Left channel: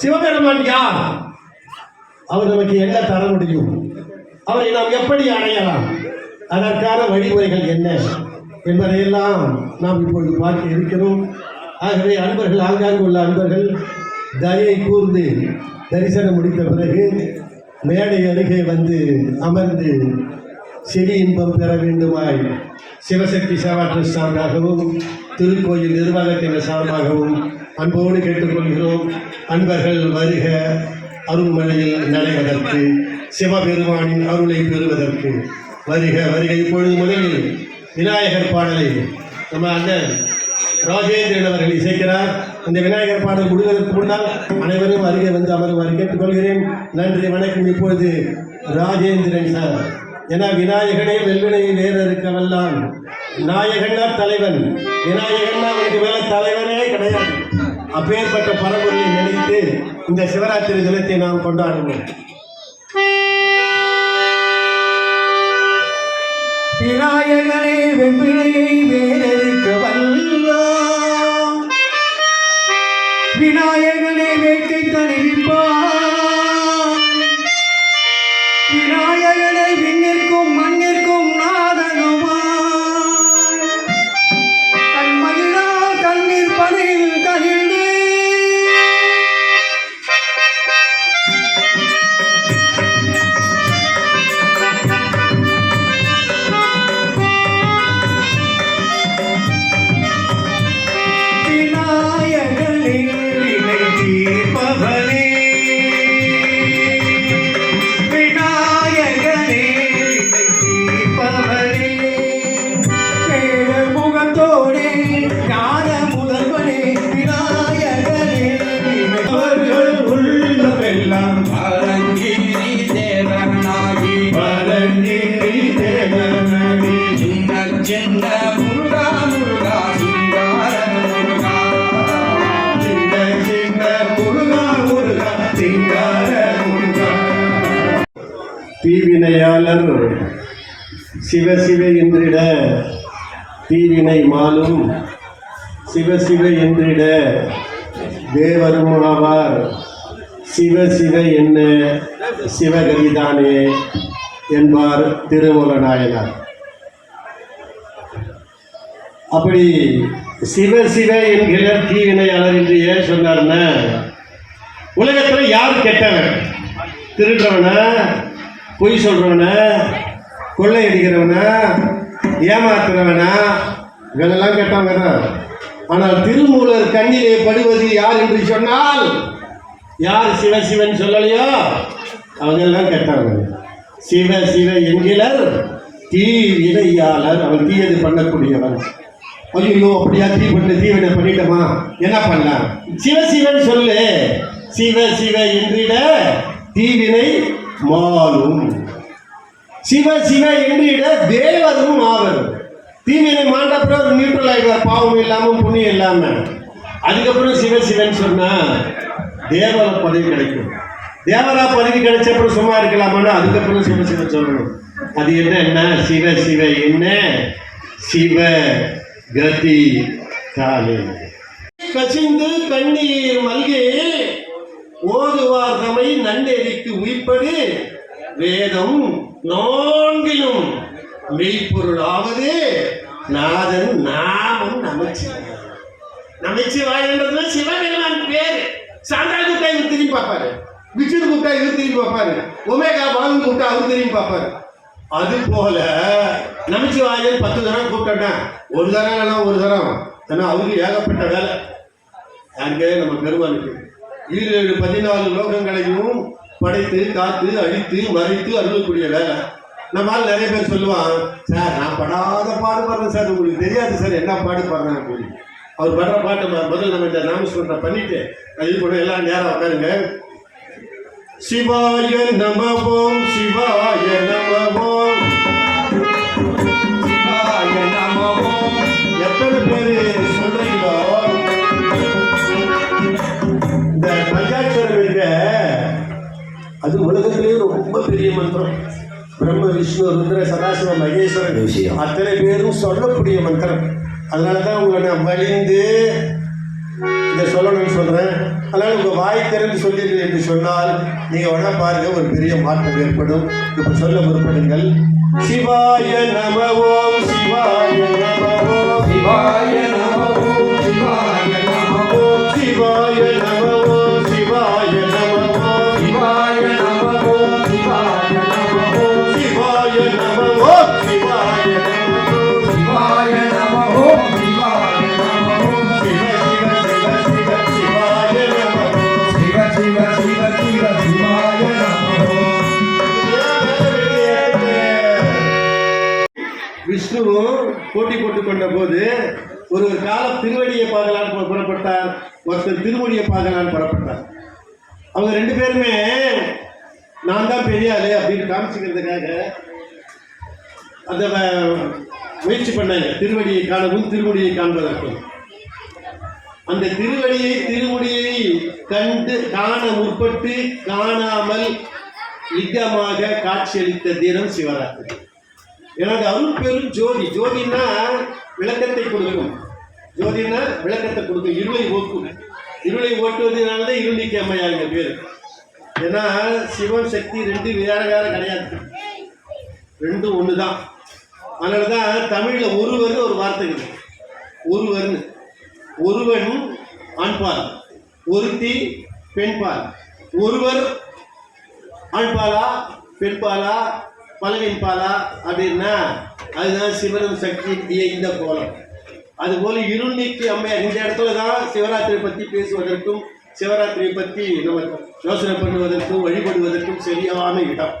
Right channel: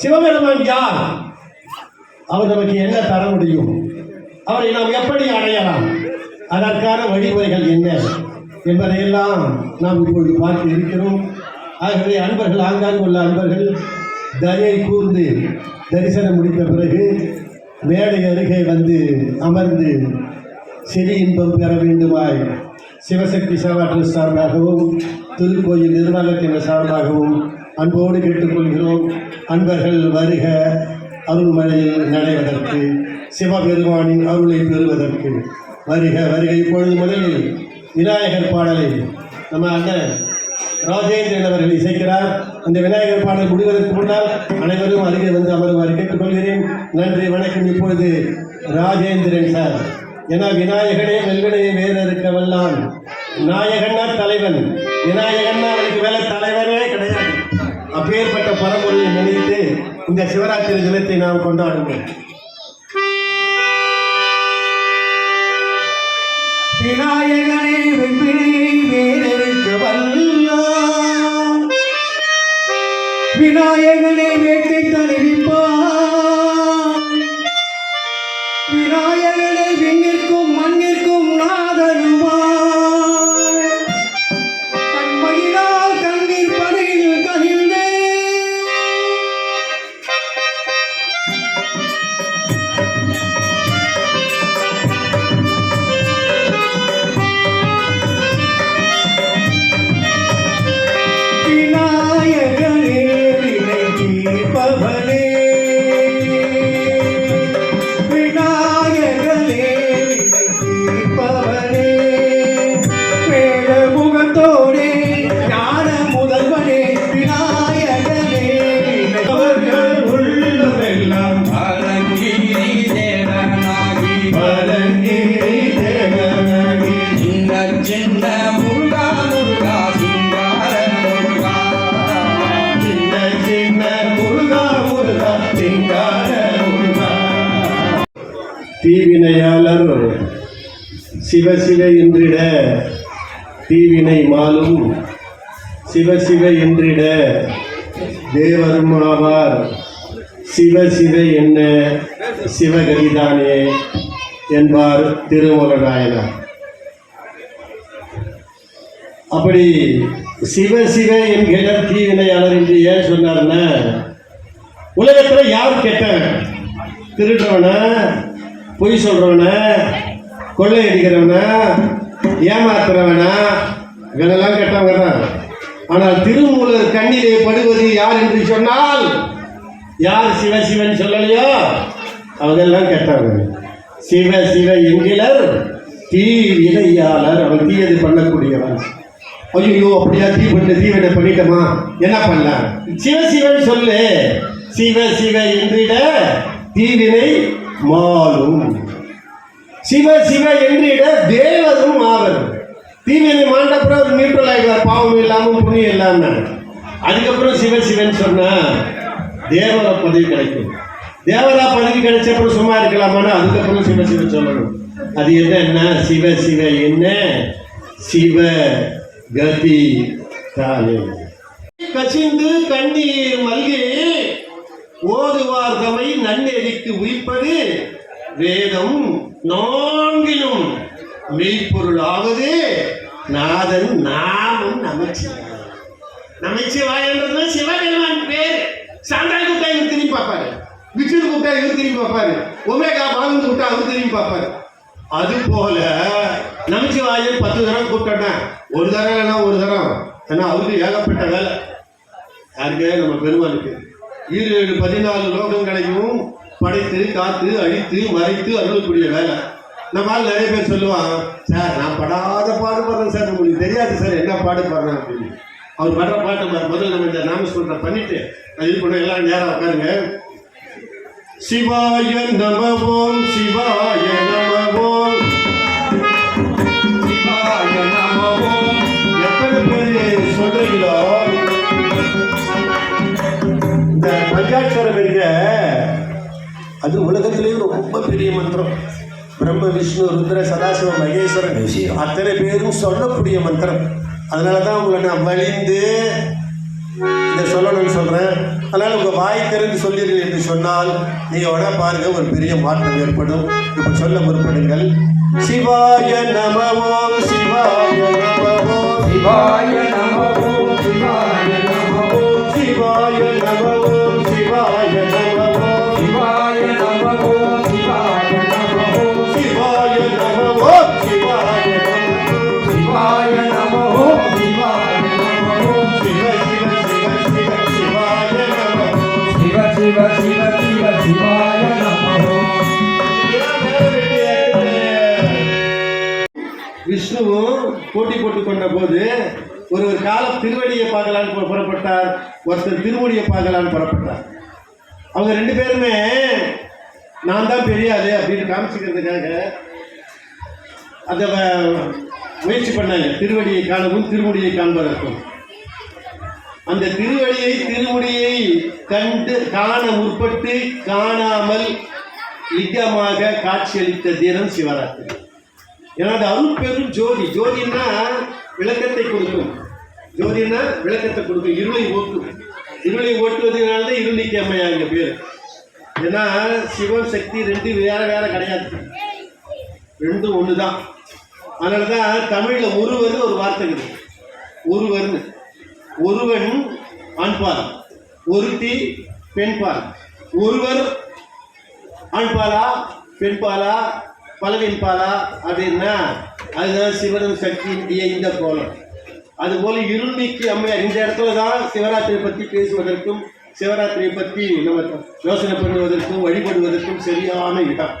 சிவபெருமான் யார்? அவர் நமக்கு என்ன தர முடியும்? அவரை நாம் எப்படி அடையலாம்? அதற்கான வழிமுறைகள் என்ன என்பதையெல்லாம் நாம் இப்பொழுது பார்த்து இருக்கிறோம். ஆகவே அன்பர்கள், ஆங்காங்கு உள்ள அன்பர்கள் தயை கூர்ந்து தரிசனம் முடித்த பிறகு மேடை அருகே வந்து அமர்ந்து செவி இன்பம் பெற வேண்டுமாய் சிவசக்தி சேவா ட்ரஸ்ட் சார்பாகவும் திருக்கோயில் நிர்வாகத்தினர் சார்பாகவும் அன்போடு கேட்டுக்கொள்கிறோம். அன்பர்கள் வருக, அருள்மழையில் நடைவதற்கு, சிவபெருமானின் அருளை பெறுவதற்கு வருக வருக. இப்பொழுது முதலில் விநாயகர் பாடலை நம்ம அண்ணன் ராஜேந்திரன் அவர்கள் இசைக்கிறார். அந்த விநாயகர் பாடல் முடிவதற்கு முன்னால் அனைவரும் அருகே வந்து அமருமாறு கேட்டுக்கொள்கிறேன். நன்றி, வணக்கம். இப்பொழுது ராஜேந்திரன் சார். ஏன்னா விநாயகனே வெல்வினையை வேற இருக்கவெல்லாம் நாயகன்னா தலைவன், விநாயகன்னா அவனுக்கு மேல தலைவனே கிடையாது. அப்பேற்பட்ட பரம்பொருளை நினைத்து இந்த சிவராத்திரி தினத்தை நாம் கொண்டாடுவோம். விநாயகனே வெவ்வினையை வேறறுக்க வல்லான், விநாயகனே வேட்கை தணிவிப்பான், விநாயகனே விண்ணிற்கும் மண்ணிற்கும் நாதனுமான், கண்மையினால் கண்ணீர் பதில் கனிந்து விநாயகனே வினை தீர்ப்பவனே, விநாயகனே வினை தீர்ப்பவனே, வேட முகத்தோடே ஞான முதல்வனே, விநாயகனே வினை அவர்கள் உள்ளமெல்லாம் பரங்கிரி தேவனாகி, பரங்கிரி தேவனாகி, சின்ன சின்ன முருகா முருகா சிங்கார தீவினையாளர் சிவசிவ என்றிட தீவினை மாலும், சிவசிவ என்றிட தேவரும் ஆவார், சிவசிவ என்ன சிவகரிதானே என்பார் திருமூலநாயனார். அப்படி சிவசிவ என்கிற தீவினையாளர் என்று ஏன் சொன்னார்னா, உலகத்தில் யார் கெட்டவன்? திருடுறவன, பொய் சொல்றவன, கொள்ளையடிக்கிறவன, ஏமாத்துறவனா, இவனெல்லாம் கெட்டவங்க தான். ஆனால் திருமூலர் கண்ணிலே படுவது யார் என்று சொன்னால், யார் சிவசிவன் சொல்லலையோ அவங்கெல்லாம் கெட்டவங்க. சிவ சிவ என்கிறர் தீவினையாளர், அவன் தீயது பண்ணக்கூடியவன். ஐயோ அப்படியா, தீவினை பண்ணிட்டோமா, என்ன பண்ணலாம்? சிவசிவன் சொல்லு. சிவ சிவ என்றிட தீவினை மாலும், சிவ சிவ என்றிட தேவரும் ஆவர். தீவினை மாண்டப்புறம் ஒரு நியூட்ரல் ஆகிடுவார், பாவம் இல்லாமல் புண்ணியம் இல்லாமல். அதுக்கப்புறம் சிவ சிவன் சொன்னா தேவரா பதவி கிடைக்கும். தேவரா பதவி கிடைச்சப்பறம் சும்மா இருக்கலாமான்னா அதுக்கப்புறம் சிவ சிவன் சொல்லணும். அது என்ன? சிவ சிவ என்ன சிவ கதி தாலே. கசிந்து கண்ணீர் மல்கி ஓதுவார் தமை நன்னெறிக்கு உயிர்ப்பது வேதம் நான்கிலும் மெய்ப்பொருளாவது நாதன் நாமம் நமச்சிவாய். நமச்சிவாயன்றது சிவபெருமான் பேர். சாந்தா கூப்பிட்டா இவர் திரும்பி பார்ப்பாரு, விஷ்ணு கூப்பிட்டா இவர் திரும்பி பார்ப்பாரு, ஒமேகா பாலன் கூப்பிட்டா அவர் திரும்பி பார்ப்பாரு. அது போல நமச்சிவாயன் 10 தடவை கூப்பிட்டா ஒரு தரம் ஏன்னா அவருக்கு ஏகப்பட்ட வேலை. யாருக்கு? நம்ம பெருமானுக்கு 14 லோகங்களையும் படைத்து காத்து அழித்து மறைத்து அருளக்கூடிய வேலை. நம்மால் நிறைய பேர் சொல்லுவான், சார் நான் படாத பாடுபடுறேன் சார், உங்களுக்கு தெரியாது சார் என்ன பாடுபடுறேன் அப்படின்னு. அவர் படுற பாட்டு முதல்ல நம்ம இந்த நாமஸ்மரணை பண்ணிட்டு அது கூட எல்லாம் நேரம் உட்காருங்க. சிவாய நமவோம், சிவாய நமவோம், சிவாய நமவோம். எத்தனை பேர் சொல்றீங்களோ இந்த பஞ்சாட்சரம் இருக்க, அது உலகத்திலேயே ரொம்ப பெரிய மந்திரம். பிரம்ம விஷ்ணு ருத்ர சதாசிவ மகேஸ்வரன் அத்தனை பேரும் சொல்லக்கூடிய மந்திரம். அதனால தான் உங்களை நான் வலிந்து இதை சொல்லணும்னு சொல்கிறேன். அதனால் உங்கள் வாய் திறந்து சொல்லிடுங்க என்று சொன்னால் நீங்கள் வேணா பாருங்க ஒரு பெரிய மாற்றம் ஏற்படும். இப்போ சொல்ல முற்படுங்கள். சிவாய நம ஓம் சிவாய நம ஓம் சிவாய நம ஓம் சிவாய நம ஓம் சிவாய நம ஓம் சிவாய நம ஓம் சிவாய நம ஓம் சிவாய நம ஓம் சிவாய நம ஓம் சிவாய நம ஓம் சிவாய நம ஓம் சிவாய நம ஓம் சிவ சிவ சிவ சிவ சிவாய நம ஓம் சிவ சிவ சிவ சிவ சிவாய நம ஓம் விஷ்ணுவும் போட்டி போட்டுக் கொண்ட போது ஒருவர் காலம் திருவடியை பார்க்கலான்னு புறப்பட்டார், ஒருத்தர் திருமுடியை பார்க்கலான்னு புறப்பட்டார். அவங்க ரெண்டு பேருமே நான் தான் பெரிய ஆளு அப்படின்னு காமிச்சுக்கிறதுக்காக அந்த முயற்சி பண்ணாங்க, திருவடியை காணவும் திருமுடியை காண்பதற்கும். அந்த திருமுடியை காண முற்பட்டு காணாமல் லிங்கமாக காட்சியளித்த தினம் சிவராத்திரி. எனது அருள் பெரும் ஜோதி. ஜோதினா விளக்கத்தை கொடுக்கும், ஜோதினா விளக்கத்தை கொடுக்கும், இருளை ஓட்டும். இருளை ஓட்டுவதனால்தான் இருளிக்கு அம்மையா எங்க பேர். ஏன்னா சிவம் சக்தி ரெண்டு வேற வேற கிடையாது, ரெண்டும் ஒன்று தான். அதனால தான் தமிழில் ஒருவர்னு ஒரு வார்த்தை இருக்குது. ஒருவர்னு, ஒருவன் ஆண்பால், ஒருத்தி பெண்பால். ஒருவர் ஆண்பாலா பெண்பாலா பலவின் பாலா அப்படின்னா அதுதான் சிவன் சக்தியினுடைய இந்த கோலம். அதுபோல இருள்நீக்கி அம்மையார் இந்த இடத்துல தான் சிவராத்திரியை பற்றி பேசுவதற்கும் சிவராத்திரியை பற்றி நம்ம யோசனை பண்ணுவதற்கும் வழிபடுவதற்கும் சரியான இடம்.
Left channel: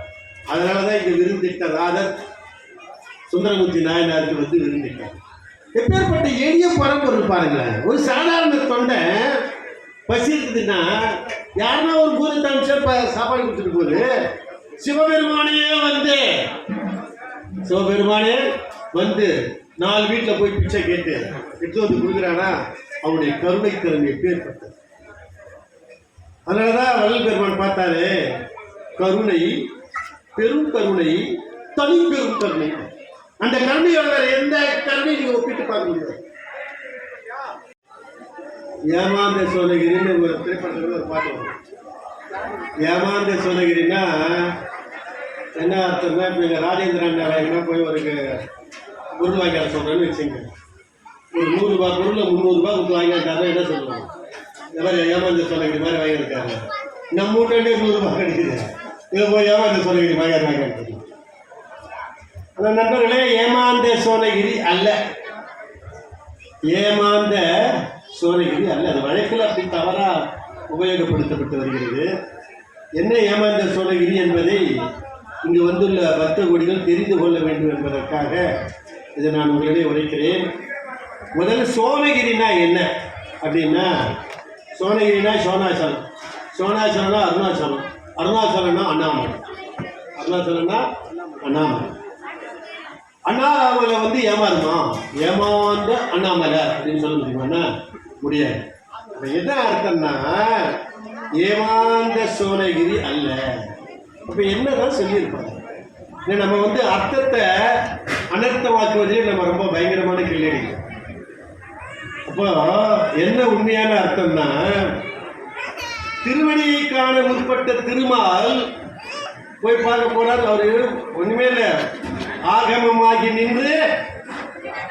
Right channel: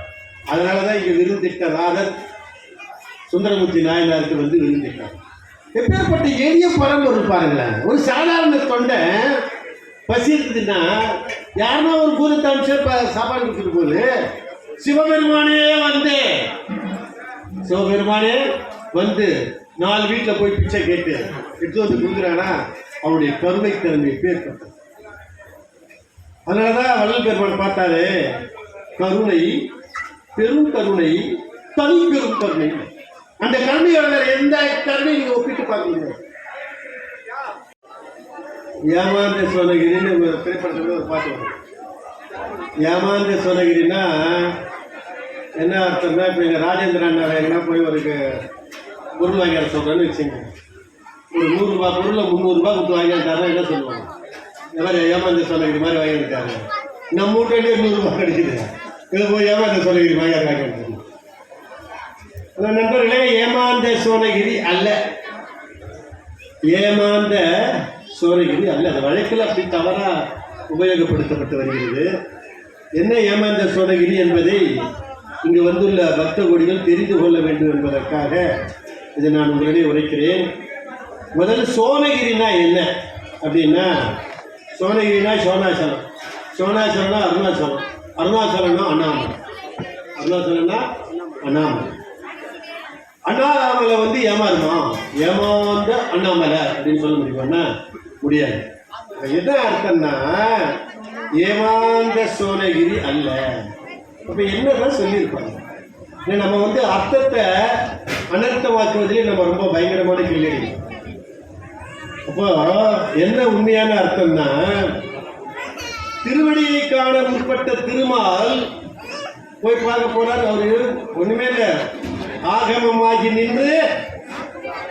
அதனால தான் இங்கே விருந்திட்ட ராதர் சுந்தரமூர்த்தி நாயனாருக்கு வந்து விருந்திட்டார். எப்பேற்பட்ட எளிய பரம்பொருள் பாருங்களேன். ஒரு சாதாரண தொண்டை பசி இருக்குதுன்னா யாருன்னா ஒரு பூரத்தாம்ச சாப்பாடு கொடுத்துட்டு போகுது. சிவபெருமானே வந்து 4 வீட்டில் போய் பிச்சை கேட்டு எடுத்து வந்து கொடுக்குறானா அவனுடைய கருணை திறமை பேர்பட்டது. அதனாலதான் வள்ளல் பெருமான் பார்த்தாரு, கருணை பெரும் கருணை தனி பெரும் கருணை. அந்த கருணையோட வேற எந்த கருணை நீங்க ஒப்பிட்டு பார்க்க முடியாது. ஏமாந்த சோனகிரின்னு திரைப்படத்துல ஒரு பாட்டு வரும். ஏமாந்த சோனகிரின்னா என்ன அர்த்தம்னா, இப்போ எங்கள் ராஜேந்திர அண்ணா எங்கன்னா போய் ஒரு பொருள் வாங்கிட சொல்கிறேன்னு வச்சுங்க. ஒரு 100 ரூபா பொருளை 300 ரூபா கொடுத்து வாங்கிட்டாருன்னா என்ன சொல்லுவாங்க? இந்த மாதிரி ஏமாந்த சோனகிரி மாதிரி வாங்கியிருக்காரு, நம்ம வீட்டே 100 ரூபா கிடைக்குது, இதை போய் ஏமாந்த சோனகிரி வாங்கிட்டு. அந்த நண்பர்களே, ஏமாந்த சோனகிரி அல்ல, ஏமாந்த சோனகிரி அல்ல. அது வழக்கில் அப்படி தவறாக உபயோகப்படுத்தப்பட்டு வருகிறது. என்ன ஏமாந்த சோனகிரி என்பதை இங்கு வந்துள்ள பக்த கோடிகள் தெரிந்து கொள்ள வேண்டும் என்பதற்காக இதை நான் உங்களிடையே உரைக்கிறேன். முதல்ல சோனகிரினா என்ன அப்படின்னா, சோனகிரினா சோனாசலம், சோனாசலம்னா அருணாச்சலம், அருணாச்சலம்னா அண்ணாமலை, அருணாச்சலம்னா அண்ணாமலை. அண்ணாமலை வந்து ஏமாறுமா? ஏமாந்த அண்ணாமலை அப்படின்னு சொல்ல முடியுமான்னா முடியாது. என்ன அர்த்தம்னா ஏமாந்த சோனகிரி அல்ல. இப்போ என்னதான் சொல்லியிருப்பாங்க? நம்ம வந்து அர்த்தத்தை அனர்த்தமாக்குவதிலே நம்ம ரொம்ப பயங்கரமான கிள்ளி. அப்போ என்ன உண்மையான அர்த்தம்னா, திருவடியை காண முற்பட்ட திருமால் போய் பார்க்க போனார். அவரு ஒண்ணுமே இல்லை, ஆகமமாகி நின்று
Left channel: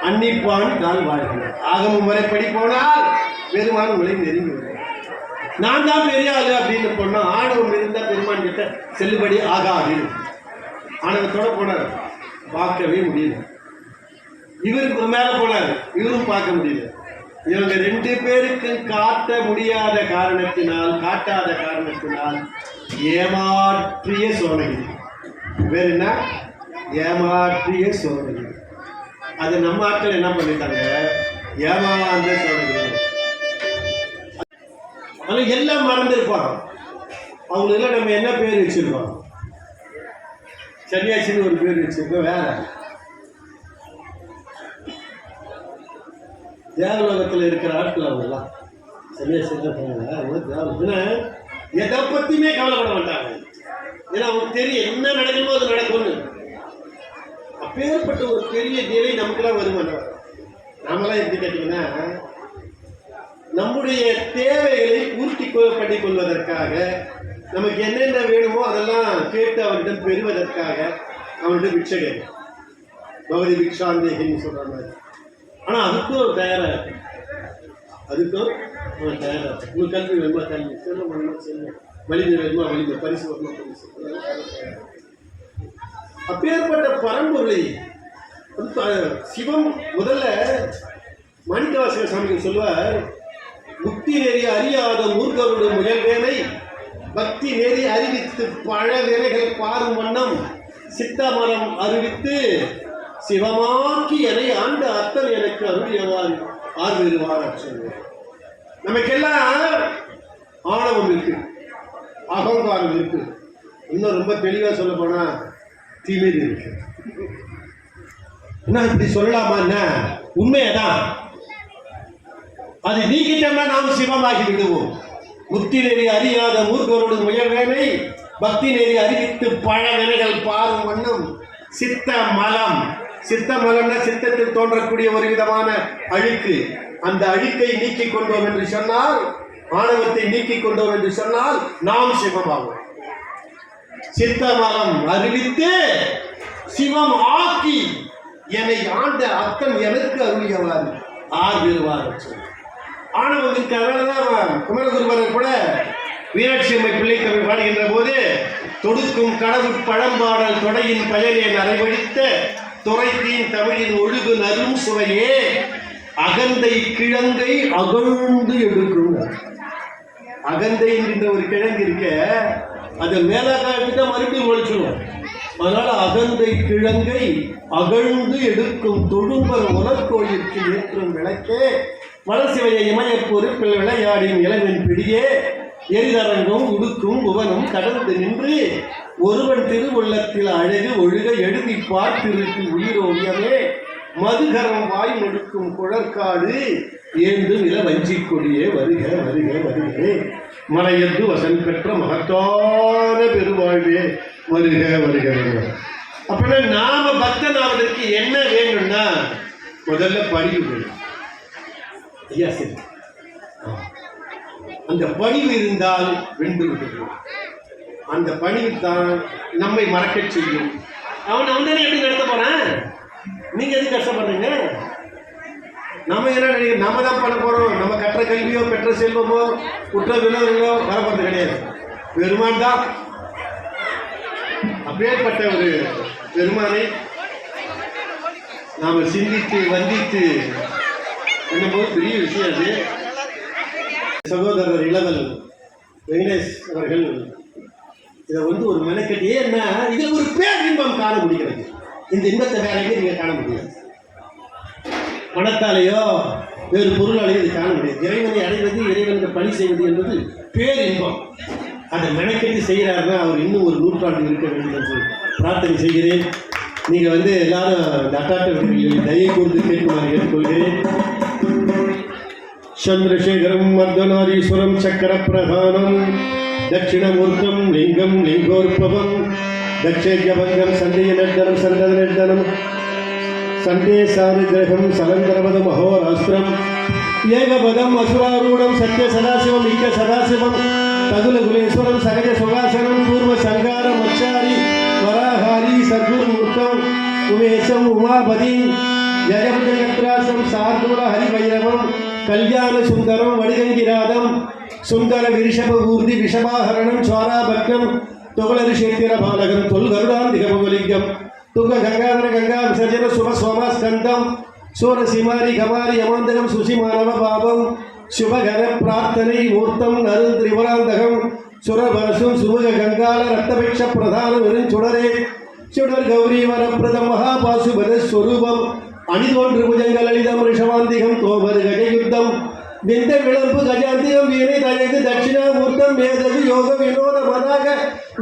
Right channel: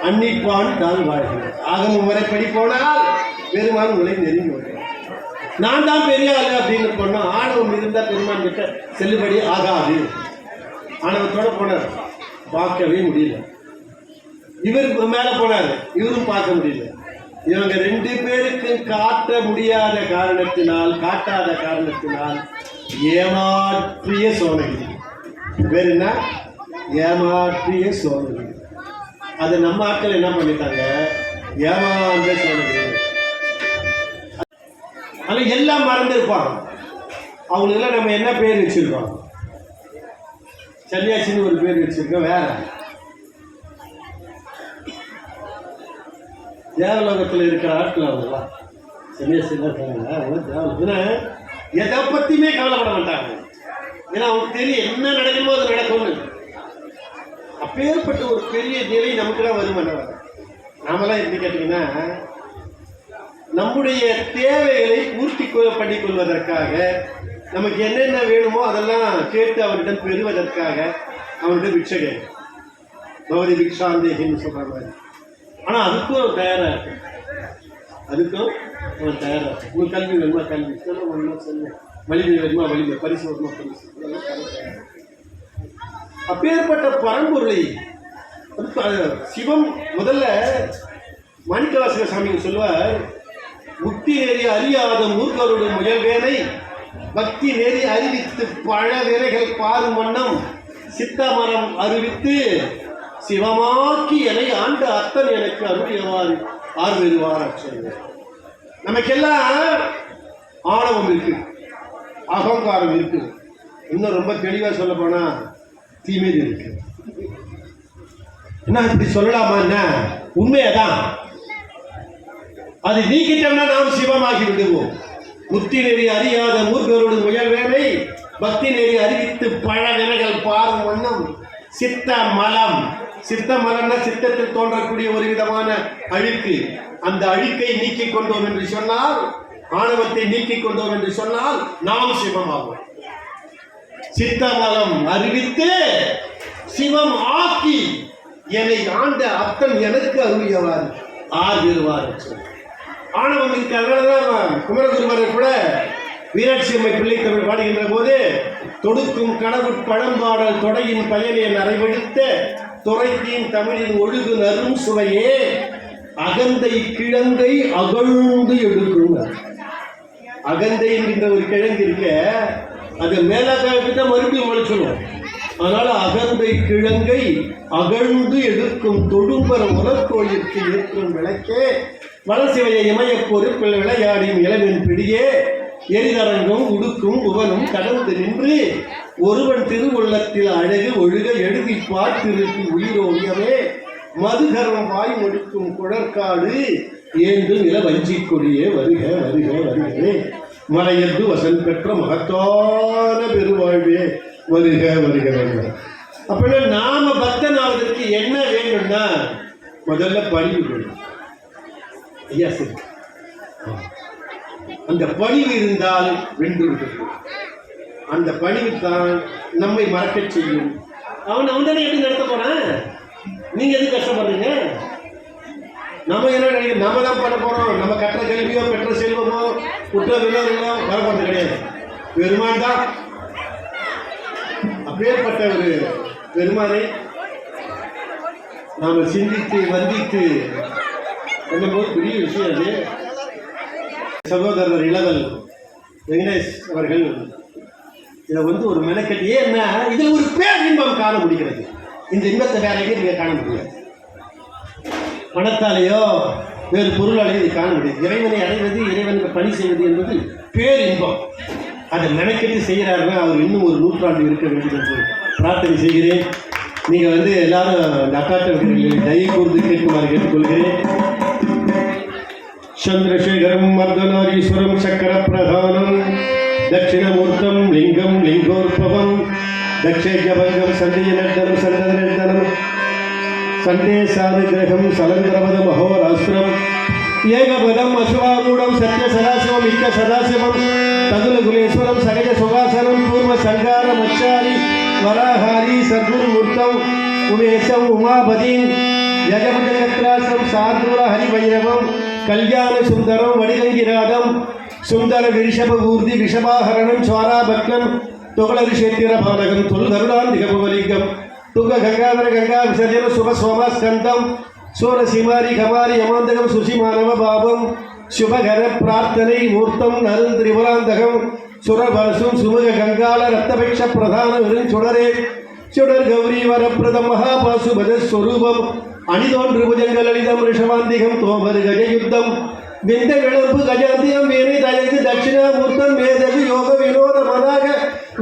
அன்னிப்பான் கால் வாழ்கிறார். ஆகம முறைப்படி போனால் பெருமான் உங்களை நெருங்கி வரும். நான் தான் பெரிய ஆளு அப்படின்னு சொன்னா ஆணவம் இருந்தா பெருமான் கிட்ட செல்லுபடி ஆகாது. ஆணவத்தோட போனார், பார்க்கவே முடியல. இவருக்கு மேல போனார், இவரும் பார்க்க முடியல. இவங்க 2 பேருக்கு காட்ட முடியாத காரணத்தினால், காட்டாத காரணத்தினால் ஏமாற்றிய சோனகிரி. வேற என்ன? ஏமாற்றிய சோனகிரி. அது நம்ம ஆட்கள் என்ன பண்ணிட்டாங்க? ஏமாந்த சோனகிரி. ஆனால் எல்லாம் மறந்துருப்பாங்க. அவங்களுக்கெல்லாம் நம்ம என்ன பேர் வச்சிருக்கோம்? சன்னியாசின்னு ஒரு பேர் வச்சிருக்கோம். வேற தேவலோகத்தில் இருக்கிற ஆட்கள் அவங்கெல்லாம் சன்னியாசி தான் இருக்காங்க. எதை பற்றியுமே கவலைப்பட மாட்டாங்க. ஏன்னா அவங்களுக்கு தெரியும் என்ன நடக்குமோ அது நடக்கும்னு. அப்பேற்பட்ட ஒரு பெரிய நிலை நமக்குலாம் வருமானம். நாமெல்லாம் எப்படி கேட்டிங்கன்னா, நம்முடைய தேவைகளை பூர்த்தி பண்ணிக் கொள்வதற்காக நமக்கு என்னென்ன வேணுமோ அதெல்லாம் கேட்டு அவரிடம் பெறுவதற்காக அவரிடம் பிச்சை கேட்கும். பகவதி பிக்ஷாந்தேகின்னு சொல்ற மாதிரி. ஆனா அதுக்கும் தயாரா இருக்கு, அதுக்கும் அவன் தயாரா இருக்கு. உங்களுக்கு கல்வி வேணுமா கல்வி, செல்வம் வேணுமா செல்வம், வலிமை வேணுமா வலிமை, பரிசு வேணுமா பரிசு. அப்பேற்பட்ட பரம்பொருளை சிவம் முதல்ல மாணிக்கவாசக சாமி சொல்வார், முக்தி நெறி அறியாத மூர்க்கருடைய முயல்வேனை பக்தி நெறி அறிவித்து பழ வேலைகள் பாரும் வண்ணம் சித்தமரம் அறிவித்து சிவமாக்கி என ஆண்டு அத்தன் எனக்கு அருளியவார் ஆர்வெருவார் சொல்வார். நமக்கெல்லாம் ஆணவம் இருக்கு, அகங்காரம் இருக்கு, இன்னும் ரொம்ப தெளிவா சொல்ல போனா தீமையில் இருக்கு. என்ன இப்படி சொல்லலாமா? என்ன உண்மையதான். அதை நீக்கிட்டோம்னா நாம் சிவமாகி விடுவோம். முக்தி நெறி அறியாத மூர்க்கரோடு முயல்வேனை பக்தி நெறி அறிவித்து பழ வினைகள் பாரும் வண்ணம் சித்த மலம். சித்த மலம்னா சித்தத்தில் தோன்றக்கூடிய ஒரு விதமான அழுக்கு. அந்த அழுக்கை நீக்கிக் கொண்டோம் என்று சொன்னால், ஆணவத்தை நீக்கிக் கொண்டோம் என்று சொன்னால் நாம் சிவமாகும். சித்த மலம் அறிவித்து சிவம் ஆக்கி என்னை ஆண்ட அத்தன் எனக்கு அருளியவார் ஆர்வெருவார். ஆணவம் இருக்கிறதுனாலதான் குமரகுருவரை கூட மீனாட்சி அம்மை பிள்ளை தமிழ் பாடுகின்ற போது தொடுக்கும் கடவுட் பழம்பாடல் தொடையின் பயனை நரைவழித்த துறைத்தீன் தமிழின் ஒழுகு நரும் சுவையே அகந்தை கிழங்கை அகழ்ந்து எடுக்கும். அகந்தை என்கின்ற ஒரு கிழங்கு இருக்க, அது மேலாக்காட்டு மறுபடியும் முளைச்சிடும். அதனால அகந்தை கிழங்கை அகழ்ந்து எடுக்கும் தொழும்பர் உலக்கோயிற்கு ஏற்றும் விளக்கே வளசிவைய இமய பொறுப்பில் விளையாடியும் இளவின் பிடியே எரிதரங்கும் உடுக்கும் புவனும் கடந்து நின்று ஒருவன் திருவுள்ளத்தில் அழகு ஒழுக எழுதி பார்த்திருப்பி உயிரோவியமே மதுகரம் வாய் முடுக்கும் குழற்காடு ஏந்து நில வஞ்சி கொடியே வருக வருக வருகே மலையந்து வசன் பெற்ற மகத்தான பெருவாழ்வே வருக வருக வருக. அப்படின்னா நாம பக்தனாவதற்கு என்ன வேணும்னா முதல்ல பணிவு வேணும். ஐயா சரி, அந்த பணிவு இருந்தால் வென்று விடுவோம். அந்த பணிவு தான் நம்மை மறக்க செய்யும். அவன் தானே எப்படி நடத்த போறான், நீங்க எது கஷ்டப்படுறீங்க? நம்ம என்ன நினைக்கிறோம், நம்ம தான் பண்ண போறோம். நம்ம கற்ற கல்வியோ பெற்ற செல்வமோ குற்ற வினோதங்களோ வரப்போறது கிடையாது. பெருமான் தான். அப்பேற்பட்ட ஒரு பெருமானை நாம சிந்தித்து வந்தித்து என்னும்போது பெரிய விஷயம். அது சகோதரர் இளவல் வெங்கடேஷ் அவர்கள் இதை ஒரு மெனக்கட்டி, ஏன்னா இதில் ஒரு பேர் இன்பம் காண முடிகிறது. இந்த இன்பத்தை வேற எங்கே நீங்க காண முடியாது. பணத்தாலேயோ வேறு பொருளாலேயோ இது காண முடியாது. இறைவனை அடைவது, இறைவனுக்கு பணி செய்வது என்பது பேர் இன்பம். அதை மெனக்கட்டி செய்கிறார்கள். அவர் இன்னும் ஒரு நூற்றாண்டு இருக்க வேண்டும் என்று பிரார்த்தனை செய்கிறேன். நீங்கள் எல்லாரும் அந்த அட்டாட்டவர்களை தயை கூர்ந்து கேட்குமாறு கேட்டுக்கொள்கிறேன். சந்திரசேகரம் மர்தனாரீஸ்வரம் சக்கர பிரதானம் தட்சிணமூர்த்தம் லிங்கம் லிங்கோற்பவம் தட்சேஜபங்கம் சந்தேயநர்தனம் சந்தனர்தனம் சந்தேசானுகிரகம் சலந்தரவதம் அஹோராஸ்திரம் ஏகபதம் அசுராரூடம் சத்ய சதாசிவம் இக்க சதாசிவம் தகுலகுலேஸ்வரம் சகஜ சுகாசனம் பூர்வ சங்கார மச்சாரி வராஹாரி சத்குருமூர்த்தம் உமேஷம் உமாபதிம் யஜபஜகத்ராசம் சார்தூர ஹரிபைரவம் கல்யாண சுந்தரம் வடிகங்கிராதம் சுந்தர விரிஷப ஊர்தி விஷபாஹரணம் சுவாராபக்னம் தொகலரிஷேத்திர பாலகம் தொல் கருடாந்திகபலிங்கம் துங்க கங்காதர கங்கா விசர்ஜன சுப சோமஸ்கந்தம் சூரசிமாரி கமாரி யமாந்தகம் சுசிமானவ பாபம் சுபகர பிரார்த்தனை மூர்த்தம் நருள் திரிபுராந்தகம் சுரபரசும் சுமுக கங்கால ரத்தபக்ஷ பிரதான விருஞ்சுடரே சுடர் கௌரி வரப்பிரத மகாபாசுபத ஸ்வரூபம் அணிதோன்று புஜங்கள் அளிதம் ரிஷவாந்திகம் தோபரு கஜயுத்தம் விந்த விளம்பு கஜாந்தியம் வீணை தயகு தட்சிணாமூர்த்தம் வேதகு யோக வினோத மதாக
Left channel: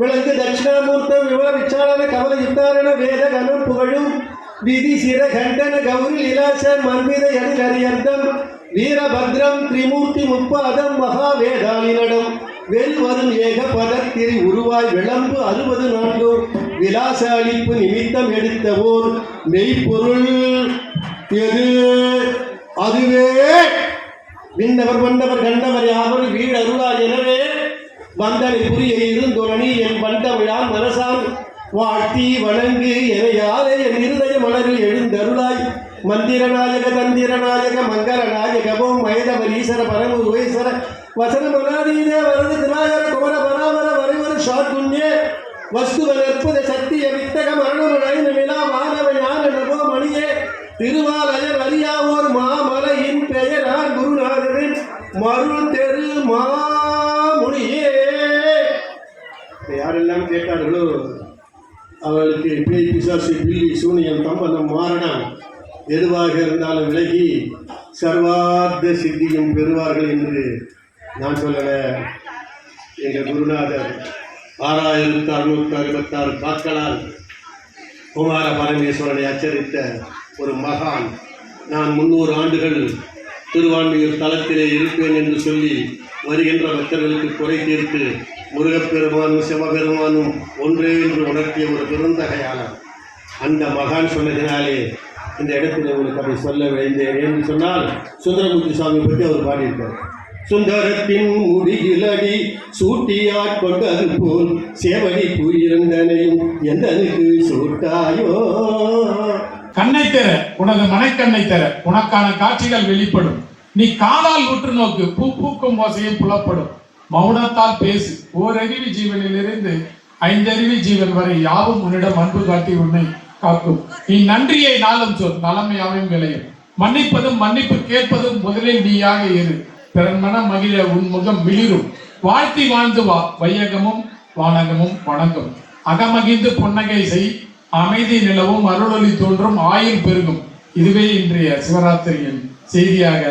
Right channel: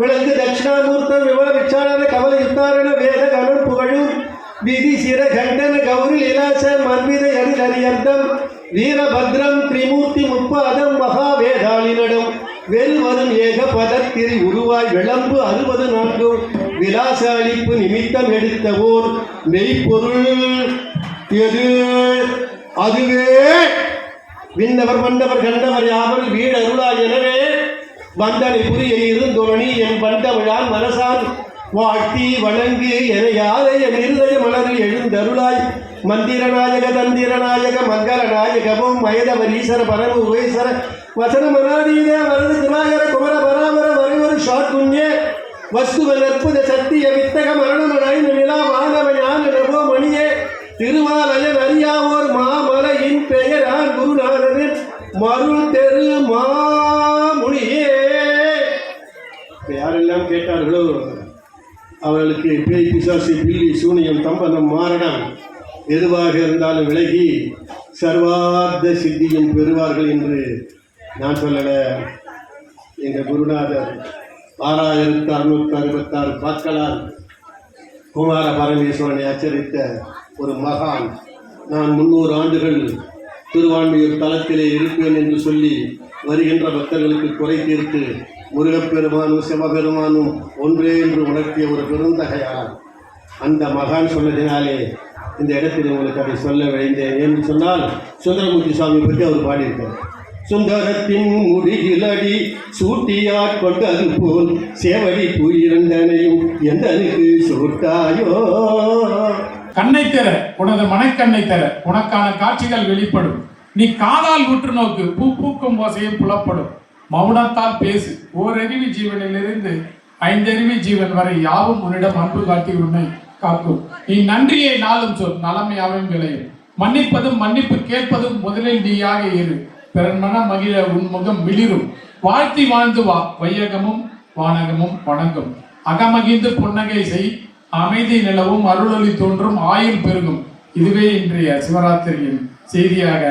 விளங்கு தட்சிணாமூர்த்தம் விவர விச்சாரண கவல யுத்தாரண வேத கணம் புகழும் விதி சிர கண்டன கௌரி லீலாச மன்மித அணிலரியந்தம் வீரபத்ரம் திரிமூர்த்தி முப்பாதம் மகாவேதாளினடம் வெல்வரும் ஏக பதத்திரி உருவாய் விளம்பு 64 விலாச அளிப்பு நிமித்தம் எடுத்த ஓர் மெய்ப்பொருள் எது? அதுவே விண்ணவர் வந்தவர் கண்டவர் யாவர் வீடு அருளாய் எனவே வந்தனை புரிய இருந்தொழனி என் வந்தவழால் மனசால் வாழ்த்தி வணங்கு என யாரை என் இருதய மலரில் எழுந்தருளாய் மந்திரநாயக தந்திரநாயக மங்களநாயகமும் மயதவர் ஈஸ்வர பரம உபேஸ்வர வசன மனாதீத வரது தினாகர குமர பராமர வரைவர ஷாத்துண்ய வஸ்துவ அற்புத சத்திய வித்தக மரணமழை நிலா வானவ ஞான நமோ மணியே திருவாலயன் அறியாவோர் மாமலையின் பெயரார் குருநாதரின் மருள் தெரு மாமுனியே. யாரெல்லாம் கேட்டார்களோ அவர்களுக்கு பேய் பிசாசு பில்லி சூனியம் தம்பனம் மாரணம் எதுவாக இருந்தாலும் விலகி சர்வார்த்த சித்தியும் பெறுவார்கள் என்று நான் சொல்லல. எங்கள் குருநாதர் 6666 பாக்களால் குமார பரமேஸ்வரனை அச்சரித்த ஒரு மகான். நான் 300 ஆண்டுகள் திருவான்மையூர் தலத்திலே இருப்பேன் என்று சொல்லி வருகின்ற பக்தர்களுக்கு குறை தீர்த்து முருகப்பெருமானும் சிவபெருமானும் ஒன்றே என்று உணர்த்திய ஒரு பெருந்தகையாளர். அந்த மகான் சொன்னதினாலே இந்த இடத்தில் உங்களுக்கு அதை சொல்ல விளைந்தேன் என்று சொன்னால் சுந்தரமூர்த்தி சுவாமி பற்றி அவர் பாடியிருக்கார். சுந்தரத்தின் முடிகிலடி சூட்டியாற் கொண்டது போல் சேவடி புயிரந்தனையும் எந்தனுக்கு சூட்டாயோ. கண்ணை தர உனது மனைக்கண்ணை தர உனக்கான காட்சிகள் வெளிப்படும். நீ காதால் உற்று நோக்கு பூ பூக்கும் ஓசையில் புலப்படும். மௌனத்தால் பேசு ஓரறிவு ஜீவனிலிருந்து 5 அறிவு ஜீவன் வரை யாவும் உன்னிடம் அன்பு காட்டி உன்னை காக்கும். நீ நன்றியை நாளும் சொல் நலமையாவும் விளையும். மன்னிப்பதும் மன்னிப்பு கேட்பதும் முதலில் நீயாக இரு. பிறன் மனம் மகிழ உன் முகம் மிளிரும். வாழ்த்தி வாழ்ந்து வா வையகமும் வானகமும் வணங்கும். அகமகிழ்ந்து புன்னகை செய் அமைதி நிலவும் அருளொளி தோன்றும் ஆயுள் பெருகும். இதுவே இன்றைய சிவராத்திரியின் செய்தியாக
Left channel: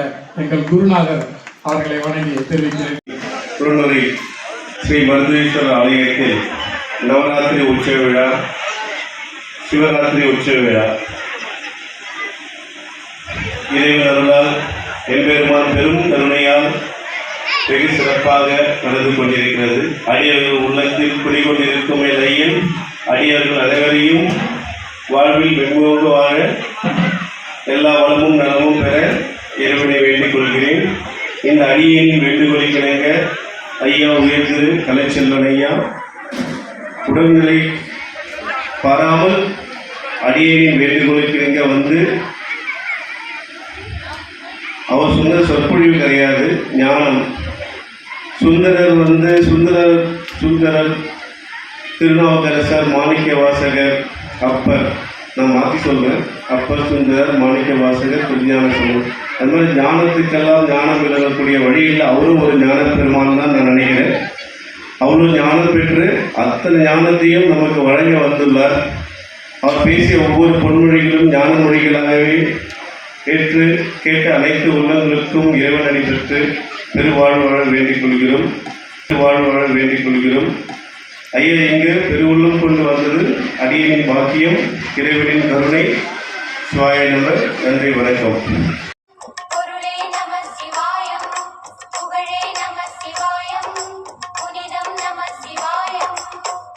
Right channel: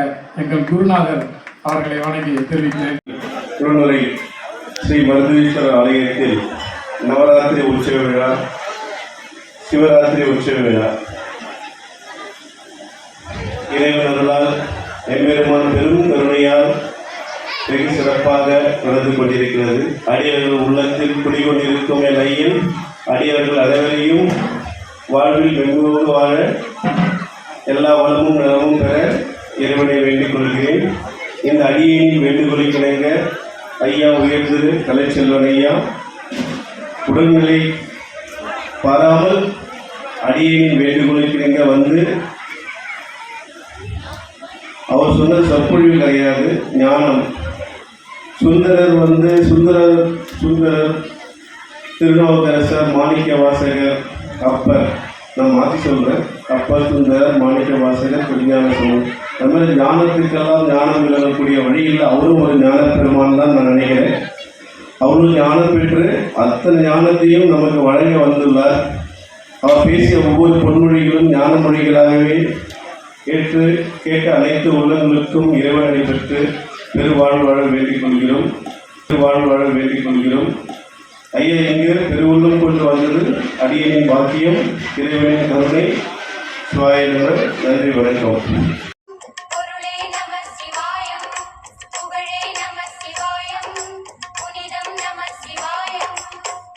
எங்கள் குருநாதர் அவர்களை வணங்கி தெரிவிக்கிறேன். குருநுரை ஸ்ரீ மருந்தீஸ்வரர் ஆலயத்தில் நவராத்திரி உற்சவ விழா, சிவராத்திரி உற்சவ விழா இறைவன் அருளால் எம்பெருமான் பெரும் கருணையால் வெகு சிறப்பாக நடந்து கொண்டிருக்கிறது. அடியவர்கள் உள்ளத்தில் குடிகொண்டிருக்கும் நிலையில் அடியவர்கள் அனைவரையும் வாழ்வில் வெகுவோடு வாழ எல்லா வளமும் நலமும் பெற இறைவனை வேண்டிக் கொள்கிறேன். இந்த அடியேனின் வேண்டுகோளை கிணங்க ஐயா உயர் திரு கலைச்செல்வன் ஐயா உடல்நிலை பாராமல் அடியேனின் வேண்டுகோளை கிணங்க வந்து அவர் சொன்ன சொற்பொழிவு கிடையாது, ஞானம். சுந்தரர் திருநாவுக்கரசர் மாணிக்க வாசகர் அப்பர், நான் மாற்றி சொல்கிறேன், அப்பர் சுந்தரர் மாணிக்க வாசகர் திருஞான சொல்லுவோம். அது மாதிரி ஞானத்துக்கெல்லாம் ஞானம் விளங்கக்கூடிய வழியில் அவரும் ஒரு ஞான பெருமான் தான் நான் நினைக்கிறேன். அவரும் ஞானம் பெற்று அத்தனை ஞானத்தையும் நமக்கு வழங்க வந்துள்ளார். அவர் பேசிய ஒவ்வொரு பொன்மொழிகளும் ஞான மொழிகளாகவே கேட்ட அனைத்து உள்ளங்களுக்கும் இறைவனடி பெற்று பெருவாழ்வு வாழ வேண்டிக் கொள்கிறோம். ஐயா இங்கு பெருவுள்ளம் கொண்டு வந்தது அடியனின் பாக்கியம், இறைவனின் கருணை. சுவாயினவர் நன்றி, வணக்கம்.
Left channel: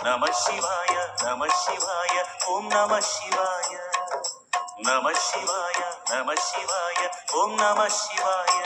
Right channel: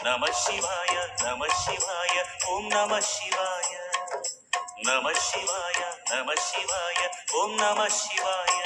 நம சிவாய நம சிவாய ஓம் நம சிவாய நம சிவாய நம சிவாய ஓம் நம சிவாய.